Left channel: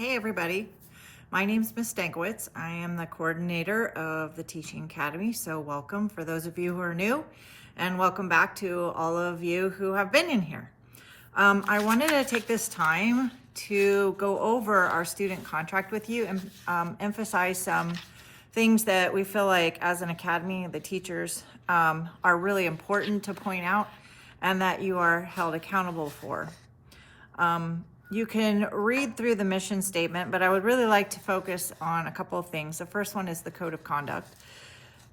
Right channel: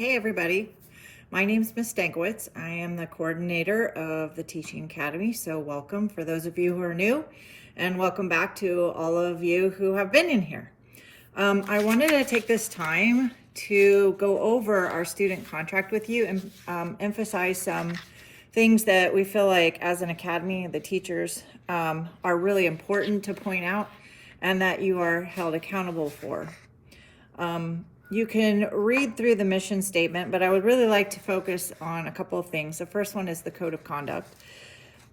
Hey everybody, my name is Ms. Stankiewicz. I am the coordinator of the Teaching Academy, so welcome for those of you who are new, and welcome back to all of you who have been in here. I wanted to take this time to go over our student contract with you and emphasize some things that we feel like as an academy, the teachers are really important to point out and that you are held accountable for. You can read through the mission statement, but I would really like to focus on a couple of things. The first one is the code of conduct.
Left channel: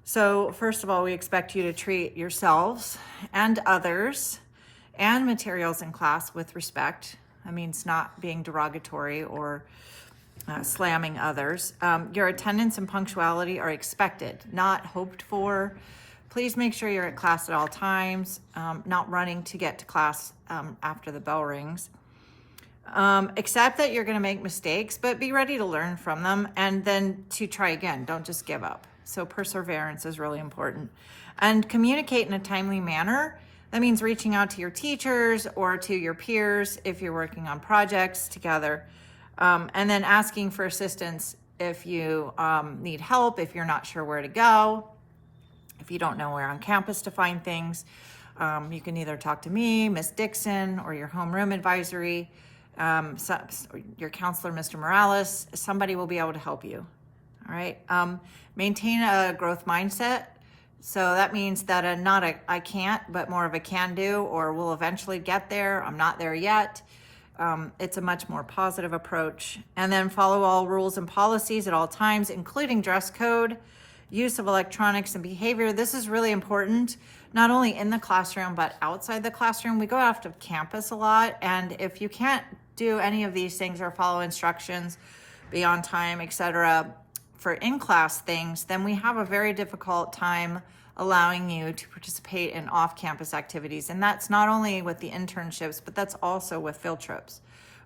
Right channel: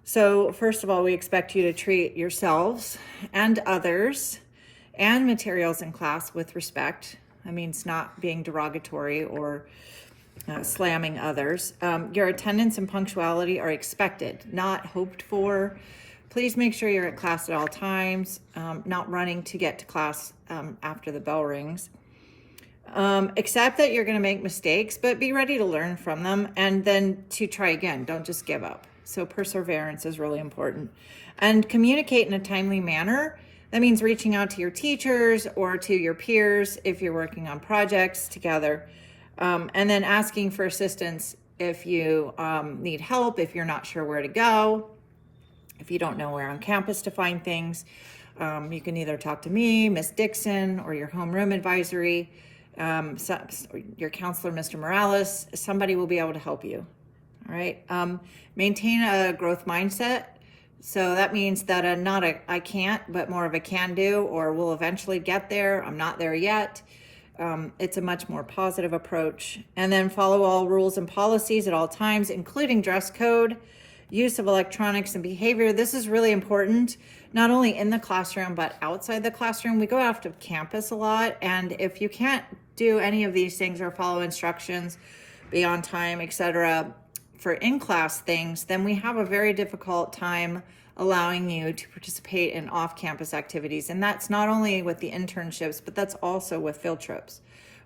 So first of all, we expect you to treat yourselves and others and materials in class with respect. That means not being derogatory or slamming others. Your attendance and punctuality are expected, not hoped for. Please make sure you're at class at all times, not running to get to class after the bell rings. Accept that you're going to make mistakes, but be ready to learn from them and then to try again. Don't just give up. So perseverance is really important. And communicate in a timely manner. That means reaching out to your teachers or to your peers if you're working on projects together. And then asking for assistance if you need help, if you're not sure where to go, if you don't know where on campus to find things. You can either talk to me, Miss Dixon, or your homeroom advisory. Your counselor, Mr. Morales, somebody will be able to help you. All right. Maintain a growth mindset. So that means that not a I can't, but more of a can do, or we'll eventually get there. I'm not there yet. It's a much more positive approach. And then follow all rules and policies at all times, including dress code, use of electronics and behavior. This is really important, not only in the classroom, but outside the classroom. We go out to campus a lot, and if you can't do any of these things or follow instructions, be on time, etc., for in-class things, then we have a very difficult time allowing you to participate in off-campus activities. And that's not only with the internships, but that's also with field trips.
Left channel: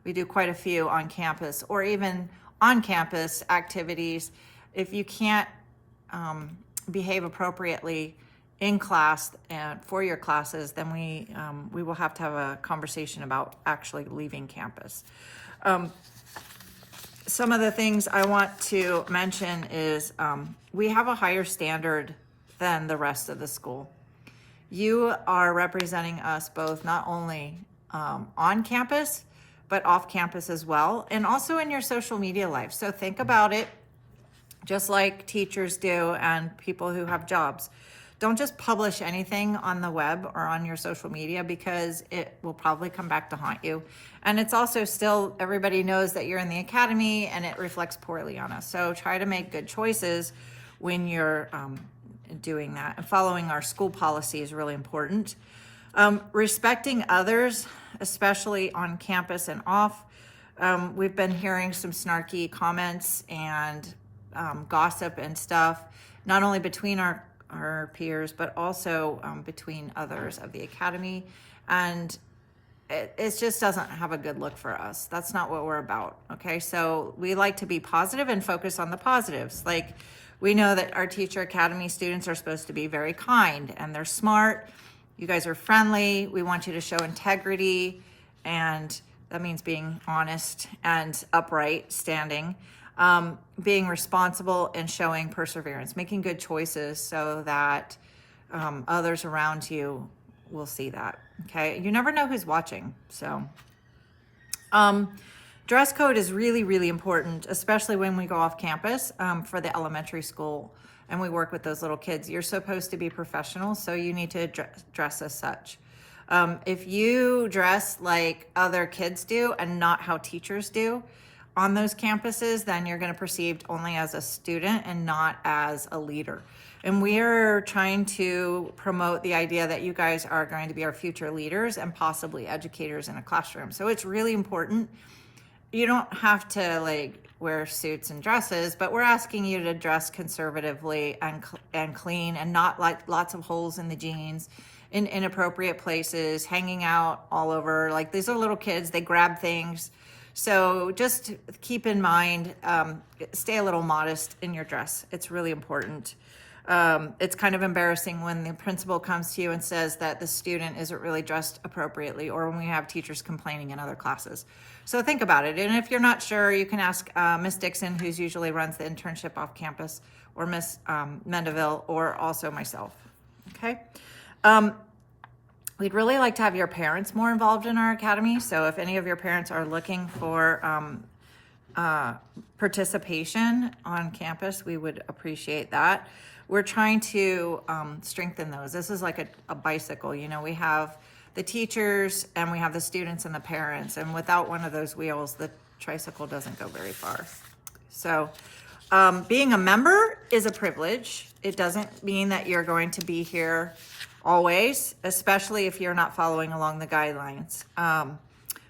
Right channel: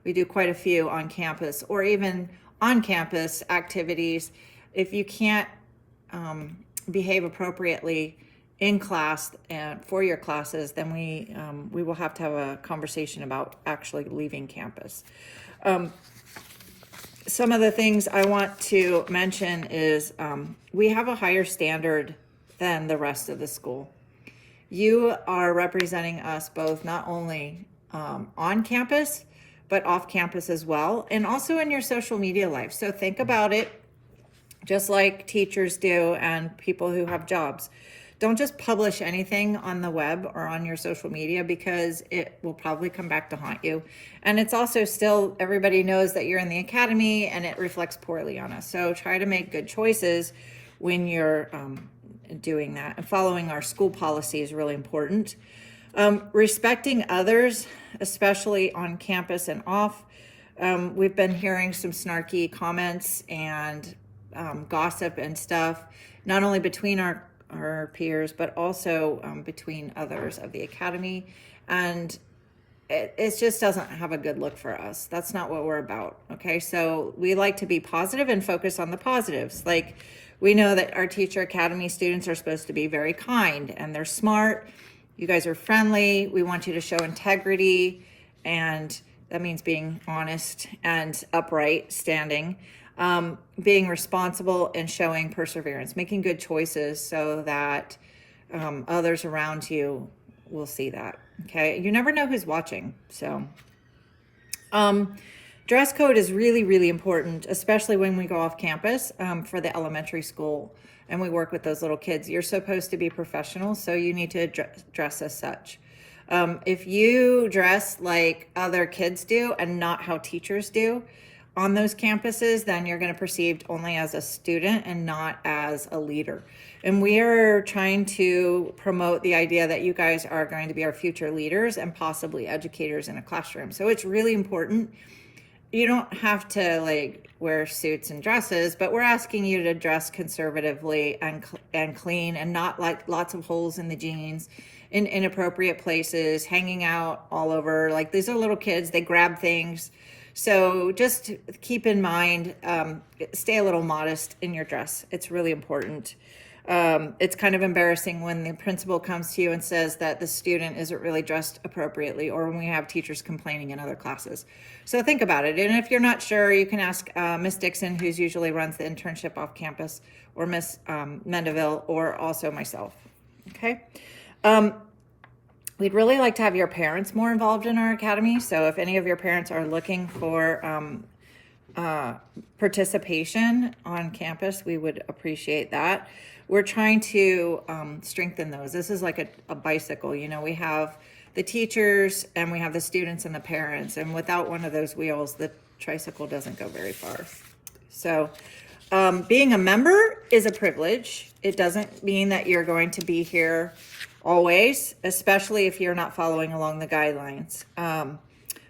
We do quite a few on campus or even on-campus activities. If you can't behave appropriately in class and for your classes, then we will have to have a conversation about actually leaving campus. Some of the things I want to mention is we have a higher standard than the rest of the school. You are representing us both not only on campus, but off campus as well, and also in your social media life. So think about it just like teachers do and people who have jobs. Don't just publish anything on the web or on your social media because it will probably come back to haunt you. And it's also still, everybody knows that you're in the academy and it reflects poorly on us. So try to make good choices when you're doing that. And following our school policy is really important. Respecting others, especially on campus and off. We've been hearing some snarky comments and gossip and stuff, not only between our peers, but also between others of the academy. And it just doesn't have a good look for us. That's not what we're about. Okay. So we like to be positive and focus on the positives. Like we know that our Teacher Academy students are supposed to be very kind and they're smart. You guys are friendly. We want you to show integrity, and that means being honest and upright, standing. Being responsible and showing perseverance, making good choices so that others around you will see that. Okay, you never know who's watching. So dress code is really, really important, especially when we go off campus for the elementary school and we work with those little kids. You're supposed to be professional, so you need to dress as such. If you dress like other kids do and not how teachers do on those campuses, then you're going to perceived only as a student and not as a leader. And we are trying to promote the idea that you guys are going to be our future leaders and possibly educators in a classroom. So it's really important. You don't have to wear suits and dresses, but we're asking you to dress conservatively and clean and not like lots of holes in the jeans, in inappropriate places, hanging out all over. Like these are little kids, they grab things. So just keep in mind, stay a little modest in your dress. It's really important. It's kind of embarrassing when the principal comes to you and says that the student isn't really dressed appropriately, or when we have teachers complaining in other classes. So think about it. And if you're not sure, you can ask Miss Dixon, who's usually runs the internship off campus, or Miss Mendeville, or also myself. Okay. We'd really like to have your parents more involved in our academy. So if any of your parents are looking for participation on campus, we would appreciate that. We're trying to strengthen those. This is like a bicycle. You know, we have the teachers and we have the students and the parents. And without one of those wheels, the tricycle doesn't go very far. So being a member is a privilege. It doesn't mean that you're going to be here always, especially if you're not following along the guidelines.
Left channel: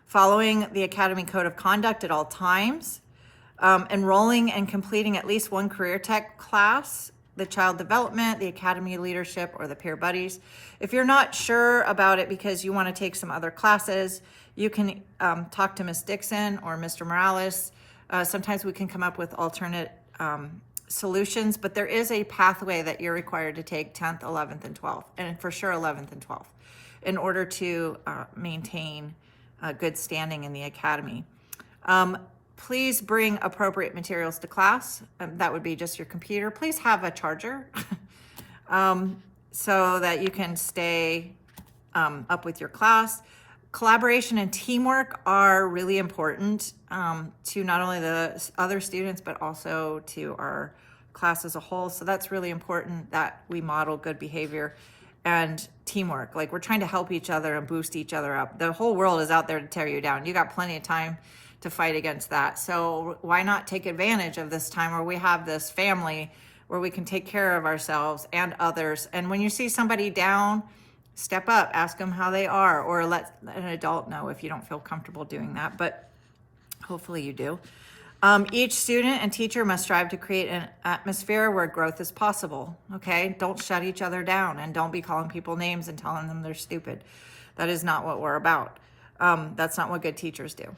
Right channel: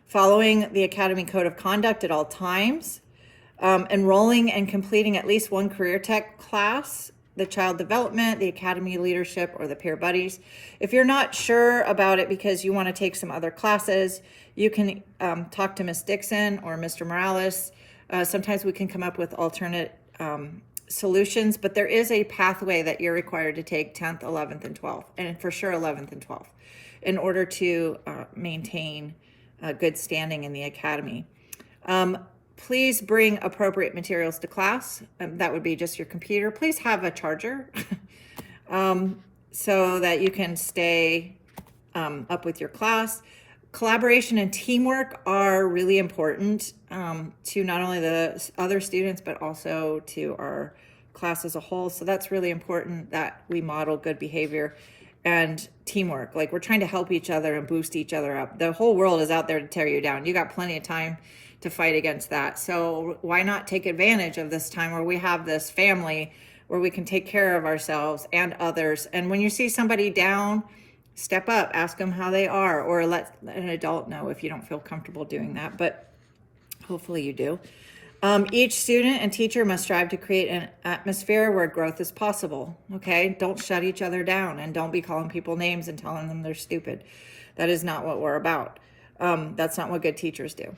Following the Academy Code of Conduct at all times, enrolling and completing at least one career tech class, the child development, the academy leadership, or the peer buddies. If you're not sure about it because you want to take some other classes, you can talk to Miss Dixon or Mr. Morales. Sometimes we can come up with alternate solutions, but there is a pathway that you're required to take 10th, 11th, and 12th, and for sure 11th and 12th, in order to maintain good standing in the academy. Please bring appropriate materials to class. That would be just your computer. Please have a charger so that you can stay up with your class. Collaboration and teamwork are really important to not only the other students, but also to our class as a whole. So that's really important that we model good behavior and teamwork. Like, we're trying to help each other and boost each other up. The whole world is out there to tear you down. You got plenty of time to fight against that. So why not take advantage of this time where we have this family where we can take care of ourselves and others. And when you see somebody down, step up, ask them how they are, or let an adult know if you don't feel comfortable doing that, but hopefully you do. Each student and teacher must strive to create an atmosphere where growth is possible, okay? Don't shut each other down, and don't be calling people names and telling them they're stupid. That is not what we're about. That's not what good teachers do.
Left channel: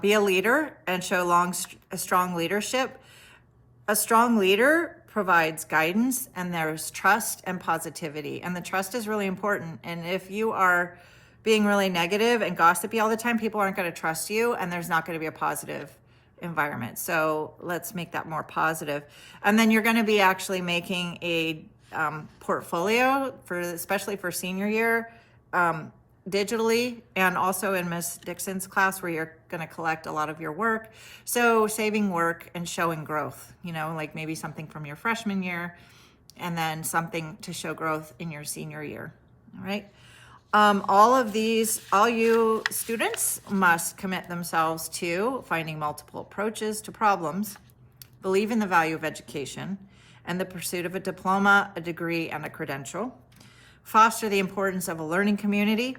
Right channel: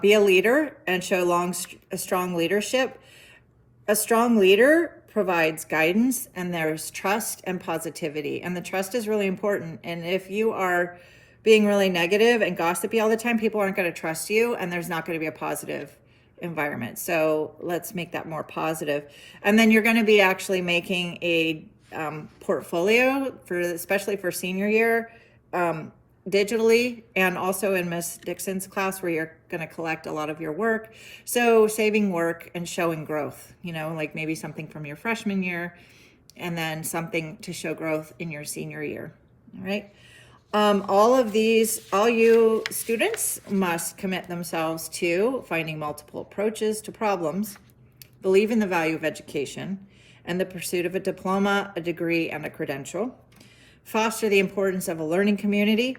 Be a leader and show a strong leadership. A strong leader provides guidance, and there's trust and positivity. And the trust is really important. And if you are being really negative and gossipy all the time, people aren't going to trust you, and there's not going to be a positive environment. So let's make that more positive. And then you're going to be actually making a portfolio especially for senior year, digitally, and also in Miss Dixon's class where you're going to collect a lot of your work. So saving work and showing growth, like maybe something from your freshman year and then something to show growth in your senior year. All right. All you students must commit themselves to finding multiple approaches to problems, believe in the value of education and the pursuit of a diploma, a degree, and a credential, foster the importance of a learning community,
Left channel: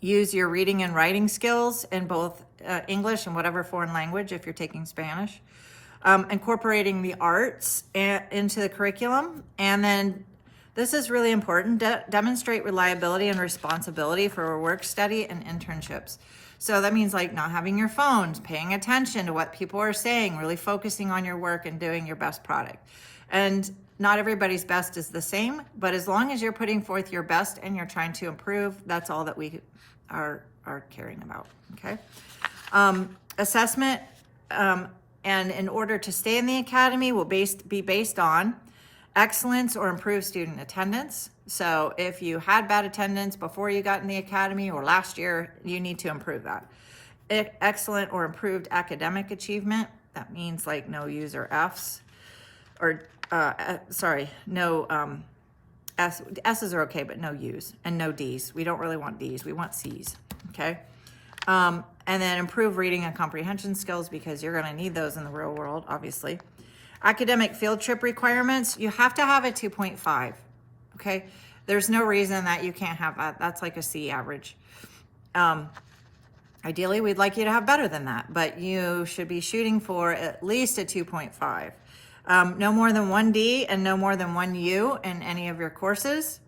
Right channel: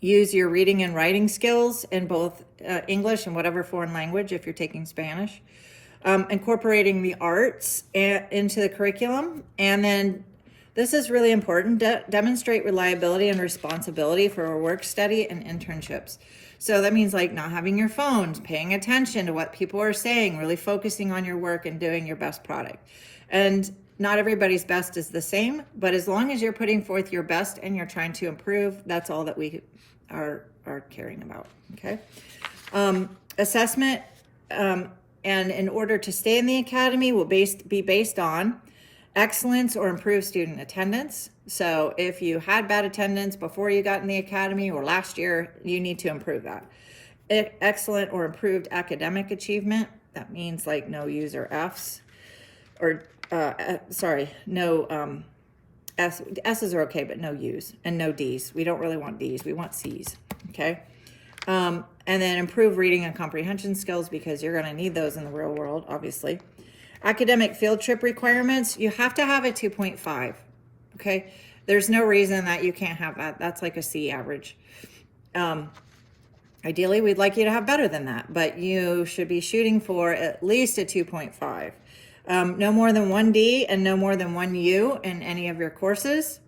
use your reading and writing skills in both English and whatever foreign language if you're taking Spanish, incorporating the arts into the curriculum, and then this is really important, demonstrate reliability and responsibility for work study and internships. So that means like not having your phones, paying attention to what people are saying, really focusing on your work and doing your best product. And not everybody's best is the same, but as long as you're putting forth your best and you're trying to improve, that's all that we are caring about, okay? Assessment, and in order to stay in the academy will be based on excellence or improved student attendance. So if you had bad attendance before you got in the academy or last year, you need to improve that. Excellent or improved academic achievement, that means like no U's or F's, or no S's are okay, but no U's, and no D's. We don't really want D's, we want C's, okay? And then improve reading and comprehension skills, because you're gonna need those in the real world, obviously. Academic field trip requirements, you have to have a 2.5, okay? There's no reason that you can't have that. That's like a C average. Ideally, we'd like you to have better than that, but you should be shooting for at least a 2.5. No more than 1 D and no more than 1 U in any of your courses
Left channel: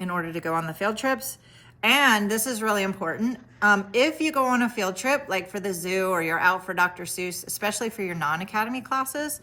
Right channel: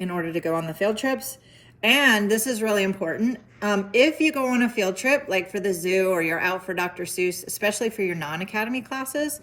in order to go on the field trips. And this is really important. If you go on a field trip, like for the zoo, or you're out for Dr. Seuss, especially for your non-academy classes,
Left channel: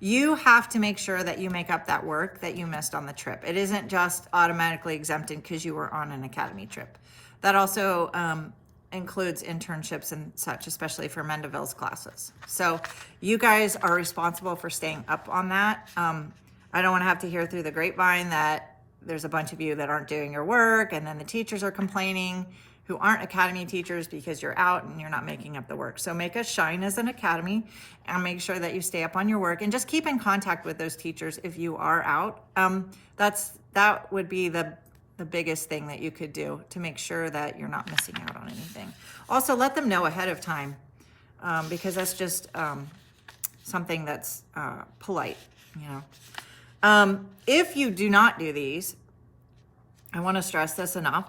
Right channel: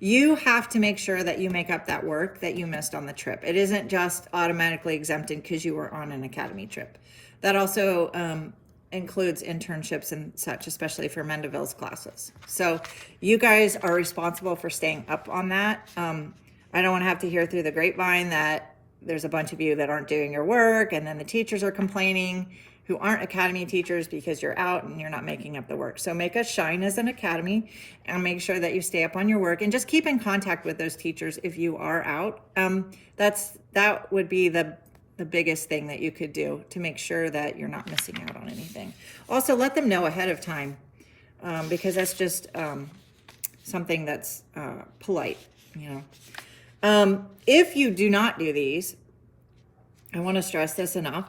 you have to make sure that you make up that work that you missed on the trip. It isn't just automatically exempted because you were on an academy trip. That also includes internships and such, especially for Mendeville's classes. So you guys are responsible for staying up on that. I don't want to have to hear through the grapevine that there's a bunch of you that aren't doing your work, and then the teachers are complaining who aren't academy teachers because you're out and you're not making up the work. So make us shine as an academy and make sure that you stay up on your work, and just keep in contact with those teachers if you are out. That would be the biggest thing that you could do to make sure that you're not missing out on anything. Also, let them know ahead of time, because that's just something that's polite, If you do not do these, I want to stress this enough,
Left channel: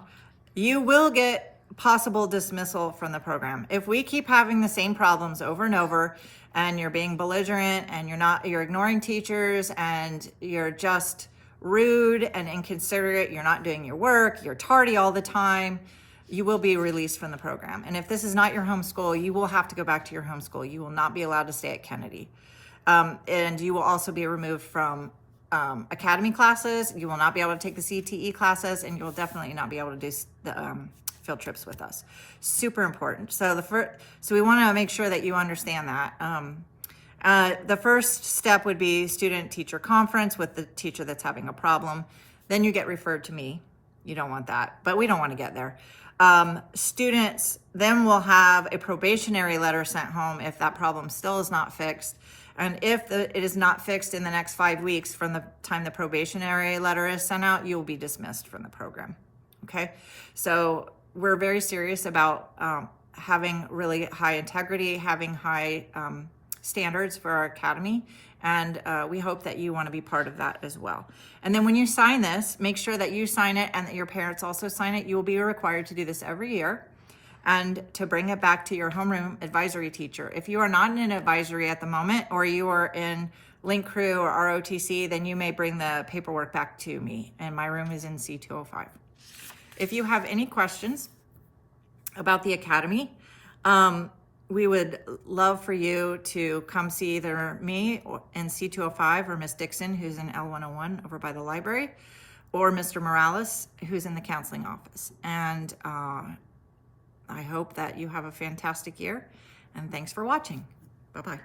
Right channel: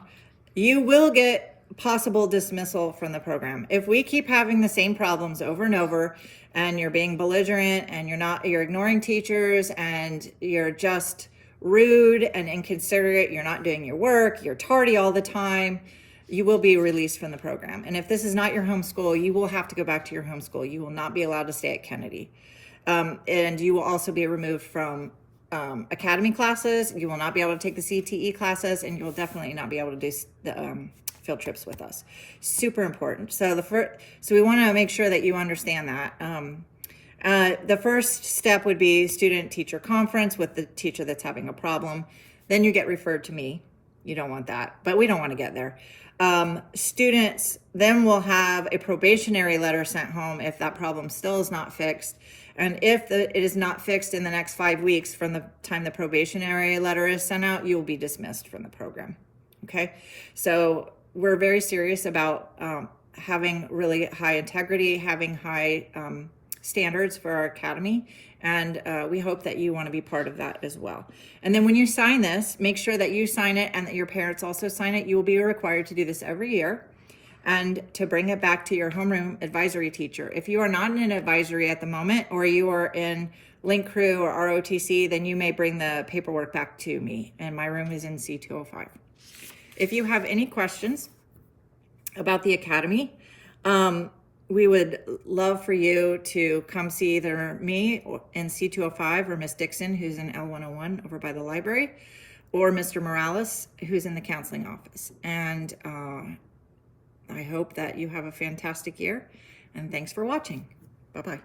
you will get possible dismissal from the program. If we keep having the same problems over and over, and you're being belligerent, and you're ignoring teachers, and you're just rude and inconsiderate, you're not doing your work, you're tardy all the time, you will be released from the program. And if this is not your home school, you will have to go back to your home school. You will not be allowed to stay at Kennedy. And you will also be removed from academy classes. You will not be able to take the CTE classes, and you will definitely not be able to do the field trips with us. Super important. So we want to make sure that you understand that. The first step would be student-teacher conference with the teacher that's having a problem. Then you get referred to me. You don't want that, but we don't want to get there. Students then will have a probationary letter sent home if that problem still is not fixed. And if it is not fixed in the next 5 weeks from the time the probationary letter is sent out, you will be dismissed from the program. Okay? So we're very serious about having really high integrity, having high standards for our academy, and we hope that you want to be part of that as well. And then when you sign this, make sure that you sign it and that your parents also sign it. You will be required to do this every year, and to bring it back to your homeroom advisory teacher. If you are not in an advisory at the moment, or you are in Link Crew or ROTC, then you may bring the paperwork back to me, and my room is in C205. If you have any questions about the academy, we would love for you to come see either me in C205 or Miss Dixon, who's in L101 over by the library, or Mr. Morales, who's in the counseling office. And I hope that you have a fantastic year, and thanks for watching. Bye-bye.